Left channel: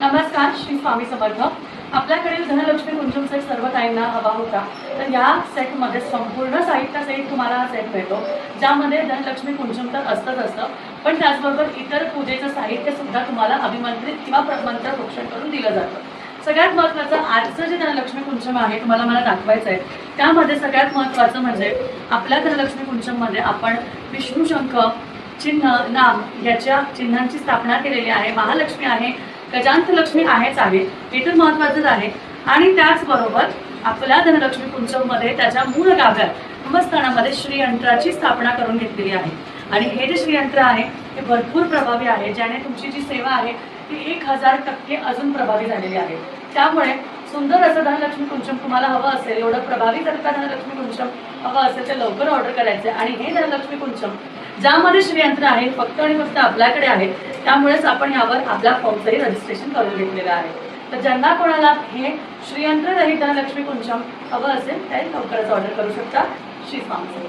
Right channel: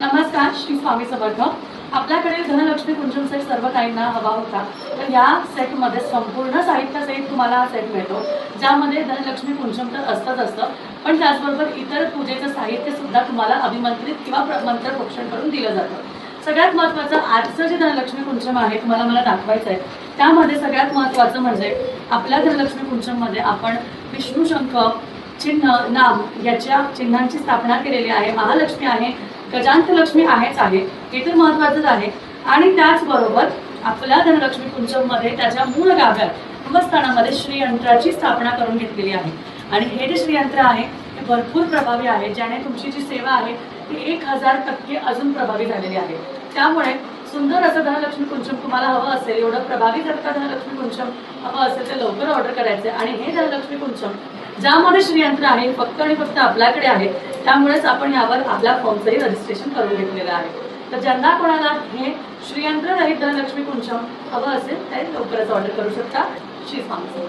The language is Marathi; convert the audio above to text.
नमस्कार, श्री स्वामी समर्थ। आपल्याकडे धनलक्ष्मी कुंजमचा सर्व काहींना हवा होता, तर या सेटमध्ये संपूर्ण साहित्यासहित तुम्हाला हा सेट मिळतो, ज्यामध्ये धनलक्ष्मी कुंजम तर असतं, पण त्याचबरोबर इतर पूजेचं साहित्य सुद्धा तुम्हाला अभिमंत्रित किंवा मंत्र प्रोक्षण करून दिलं जातं। सगळ्यात महत्त्वाचं आजचं जे धनलक्ष्मी कुंजम आहे तुम्हाला मला दाखवायचं आहे, त्यामध्ये सगळ्यात महत्त्वाचं म्हणजे आपल्या धनलक्ष्मी कुंजममध्ये आपण विष्णू शंख चिन्ह नाम याच्या चिन्हांची स्थापना केलेली आहे। महालक्ष्मी आहे, गजांत लक्ष्मी आहेच आहे, हे तर महत्वाचंच आहे। आणि त्याचबरोबर आपल्या धनलक्ष्मी कुंजममध्ये त्याच्या मूळ गाभ्यात कुंभस्थानामध्ये श्रीयंत्राची स्थापना करून घेतलेली आहे। आणि हे जे श्रीयंत्र आहे ते भरपूर प्रभावी आहे, ज्याने तुमची जी सेवा आहे ती 1000% अजून प्रभावी झालेली आहे। त्यामुळे सुंदर असं धनलक्ष्मी कुंजम तुम्हाला हवं असेल, एवढं प्रभावी जर का धनलक्ष्मी कुंजम हवं असेल तर लवकर ऑर्डर करायचं। आणि हे धनलक्ष्मी कुंजम ज्यामध्ये श्रीयंत्र आहे फक्त आणि फक्त आपल्याकडे आहे, त्यामुळेच आपण यावर आपल्या फॉर्मचंही रजिस्ट्रेशन करून घेतलेलं आहे। तर ज्यांना कोणाला हे श्रीयंत्र रहित धनलक्ष्मी कुंजम हवं असेल ते लवकरच ऑर्डर करू शकता। श्री स्वामी।